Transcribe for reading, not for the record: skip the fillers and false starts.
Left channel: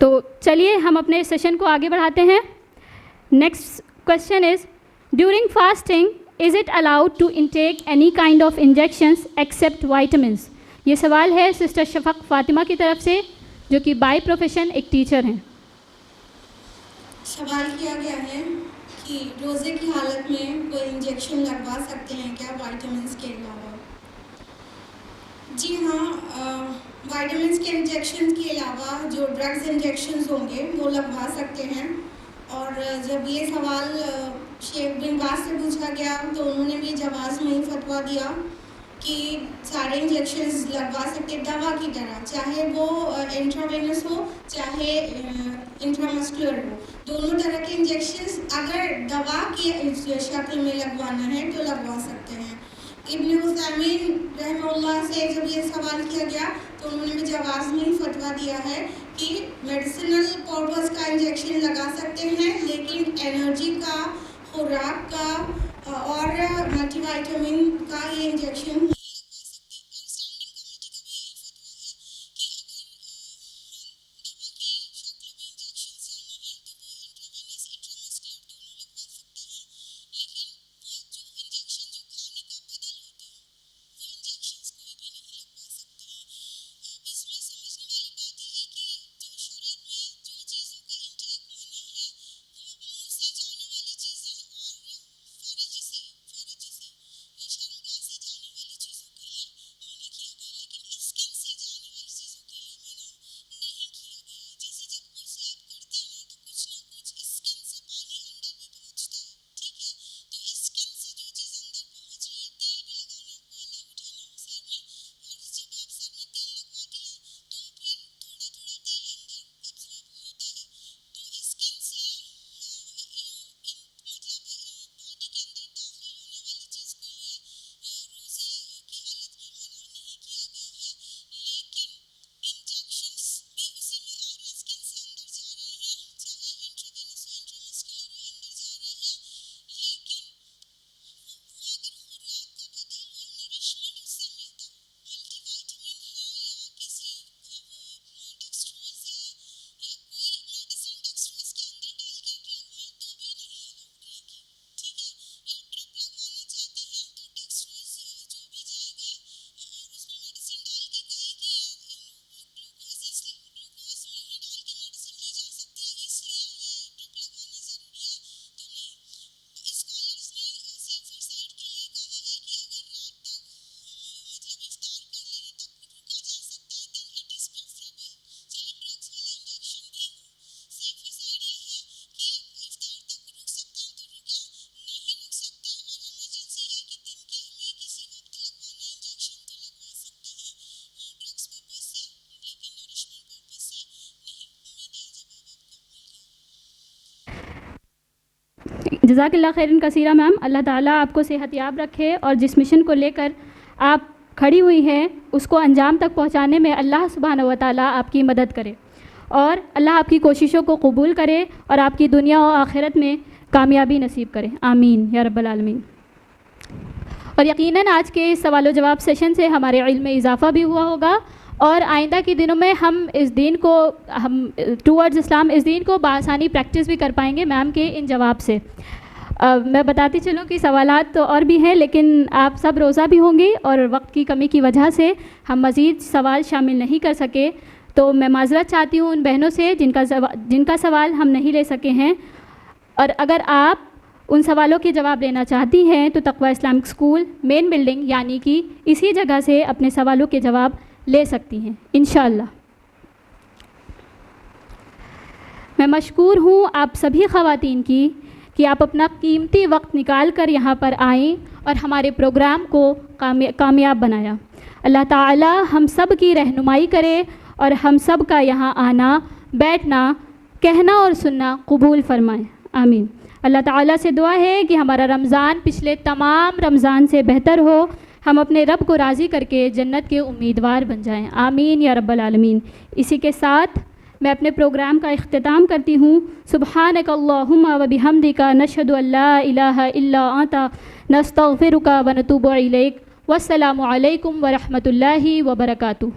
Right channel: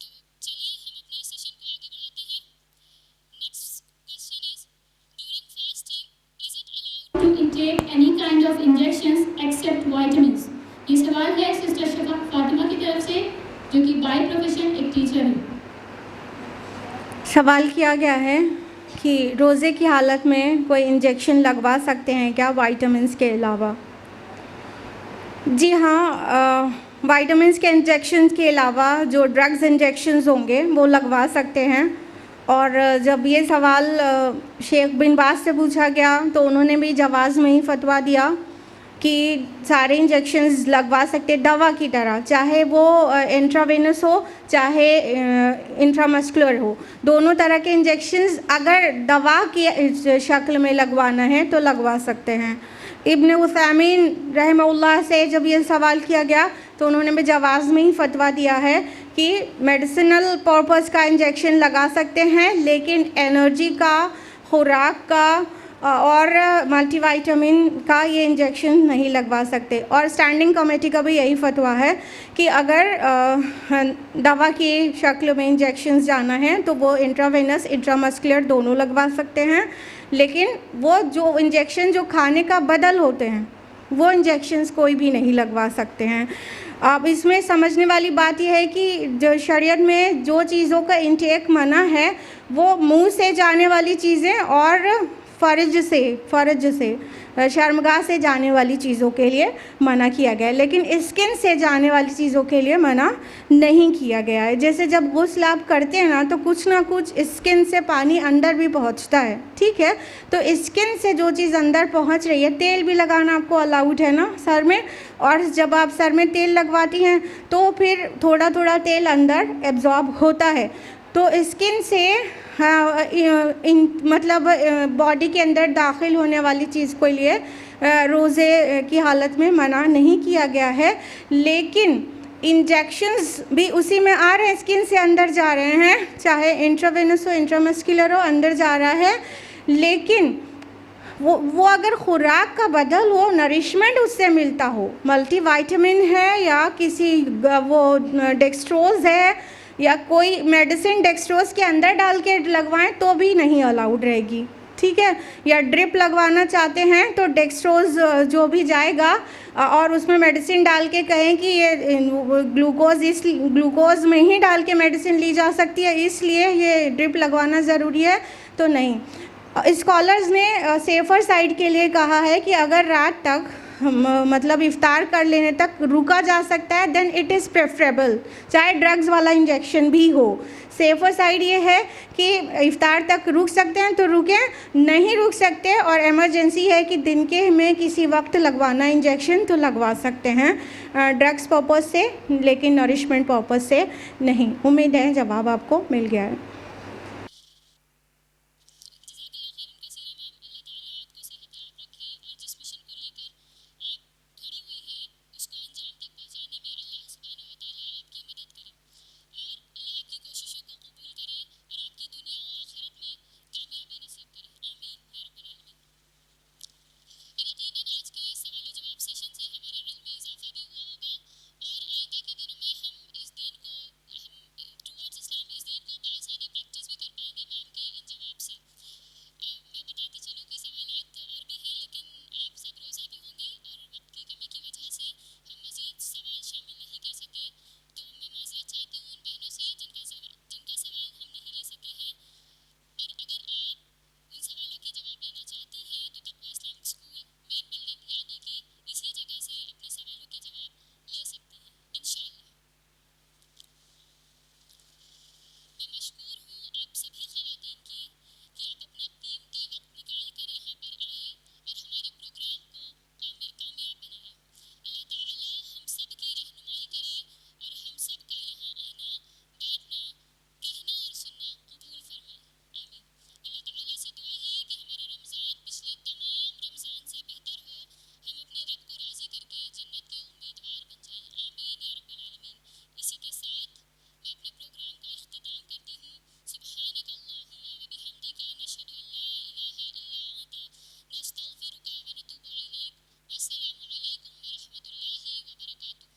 तो चलिए हम अपने सेशन को आगे बढ़ाते हैं। Next question is, during fasting is it allowed to intake any kind of injections except vitamins? ये सवाल है सिस्टर शफक फातिमा की तरफ से, जो कि बाय प्रोफेशन एक टीचर हैं। सवाल किया गया है कि रोज़े की हालत में कोई इंजेक्शन लगवा सकते हैं क्या वाइटामिन्स के अलावा? जी हाँ, वाइटामिन्स के इंजेक्शन के अलावा जो ड्रग्स इंजेक्शंस होंगे वो लगवा सकते हैं। और जब ये सवाल शेख बिन बाज से पूछा गया तो उन्होंने भी जवाज़ में ही फतवा दिया कि सारे इंजेक्शंस लगवा सकते दवा की तरह, चाहे वो इंट्रावेनस हो चाहे इंट्रामस्कुलर हो, दोनों तरह के इंजेक्शंस अगर दवा की शक्ल में लगवाना है तो लगवा सकते हैं। इब्न उथैमीन रहमहुल्लाह से जब ये सवाल किया गया तो उन्होंने भी जवाज़ में ही फतवा दिया है कि मेडिसिनल पर्पस का इंजेक्शन लगा सकते हैं, लेकिन एनर्जी का, खुराक का और मल्टीविटामिन का ये इंजेक्शन नहीं लगवा सकते। और स्टैंडिंग कमेटी का भी यही फतवा है कि अगर दवा की शक्ल में इंजेक्शंस जाना है तो वो इंट्रावेनस इंट्रामस्कुलर दोनों लगवा सकते हैं, लेकिन वो जो इंजेक्शन जो खाने का बदल होते हैं वो इंजेक्शंस कोई भी नहीं लगवा सकते हैं। अब इसमें समझने वाली बात यह है कि जो शरीयत में जो चीज़ों का इंटेक मना है वो मुंह से जाने वाली चीज़ें और फ़र्ज से शर्मगाह से जाने वाली चीज़ों के लिए मना किया गया है, लेकिन स्किन से जाने वाली चीज़ों के लिए मना नहीं किया गया है। जैसे जब गुस्ल आप करते हैं ना कुछ स्किन से पानी अंदर भी पहुंचता है, ठीक है, तो स्किन से जो चीज़ अंदर पहुंच रही है, तेल भी लगाना आपको अलाउड है ना सर में, और जब आप सर में तेल लगवाती हैं तो फिर थोड़ा थोड़ा तेल अंदर एब्जॉर्ब होता है, तो स्किन से मतलब बॉडी के अंदर दाखिल होने वाली चीज़ के लिए रोज़े की हालत में मना नहीं किया गया है। लेकिन इंजेक्शंस भी उसी में आ रहे हैं, स्किन से अंदर जा रहे हैं, चाहे इंट्रावेनस हो इंट्रामस्कुलर हो, अंदर जा रहा है, लेकिन वो अगर खुराक का बदल हो, नरिशमेंट उससे मिलता हो, मल्टीविटामिन है या किसी वो डेक्सट्रोज है या कोई मेडिसिन डेक्सट्रोज के अंदर डाल के लगवाएं तो भी नहीं अलाउड रहेगी, ठीक है। या ड्रिप लगवाना चाहते हैं तो डेक्सट्रोज जो भी जाएगा और उसमें मेडिसिन डाल के कहें कि ये ग्लूकोज में ही डाल के मेडिसिन ली जा सकती है, इसलिए ये ड्रिप लगवाना ज़रूरी है, तो नहीं। स्कॉलर्स ने सेफ़र साइड के लिए कहा है कि अगर रात तक मतलब इफ्तार कर लेने तक रुका जा सकता है देन इट इज़ प्रेफरेबल, चाहे ड्रग्स वाला इंजेक्शन भी हो। सेफ़र साइड ये है कि इफ्तार तक रुक सकते हैं तो रुकें, नहीं रुक सकते और इमरजेंसी है कि दिन के में किसी वक्त लगवाना इंजेक्शन तो लगवा सकते हैं ड्रग्स पर्पस से, लेकिन नरिशमेंट पर्पस से नहीं। उम्मीद है जवाब आपको मिल गया है। जज़ाकल्लाह खैरन कसीरा मैम, अल्लाह ताला आपको सेहतयाब रखे और जिस मिशन को लेकर आप खड़ी हुई हैं उसको अंजाम तक पहुंचाने में अल्लाह सुब्हानहू व तआला आपकी मदद करे और अल्लाह आपकी कोशिशों को कबूल करे और आपकी दुनिया और आखिरत में कामयाबी नसीब करे, आमीन या रब्बल आलमीन। और यकीनन आज के इस सवाल जवाब सेशन से हमारे इल्म में इजाफ़ा भी हुआ होगा और आइंदा के दिनों में हम इस दीन को टूवर्ड्स इस्लाम इस दीन को बआसानी प्रैक्टिस भी कर पाएंगे मैम के इन जवाब से। मैं बताती चलूँ कि सवालात तो और भी हैं, लेकिन आप सब रोज़ा भी होंगी और वक्त की कमी की वजह से हम मज़ीद सवाल शामिल नहीं कर सके, तो मैं माज़रत चाहती हूँ उन बहनों से जिनका सवाल हम नहीं ले सके हैं। और अगर आप उन सवालों के जवाब लेना चाहती हैं तो तक़वा इस्लामिक स्कूल मेन बिल्डिंग यानी कि इसी जगह से अपने सवालों के जवाब ले सकती हैं इंशाअल्लाह। मैं मशकूर हूँ आप सभी ख़वातीन की कि आप अपना कीमती वक्त निकाल कर यहाँ पर आएँ और हमारे प्रोग्राम को कामयाब बनाया। अल्लाह ताला हम सब की रहनुमाई करे और हम सब का यहाँ आना, बैठना, कहना और सुनना कबूल फरमाए, आमीन। अल्लाह ताला से दुआ है कि हमारा रमज़ान पिछले तमाम रमज़ान से बेहतर हो, हम अपने रब को राज़ी करके जन्नत के उम्मीदवार बन जाएं, आमीन या रब्बल आलमीन। इसी के साथ मैं अपने प्रोग्राम का इख्तिताम करती हूँ। सुब्हानक अल्लाहुम्मा व बिहम्दिका नशहदु अल्ला इलाहा इल्ला अंता नस्तगफिरुका व नतूबु इलैक। वस्सलामु अलैकुम व रहमतुल्लाहि व बरकातुहू।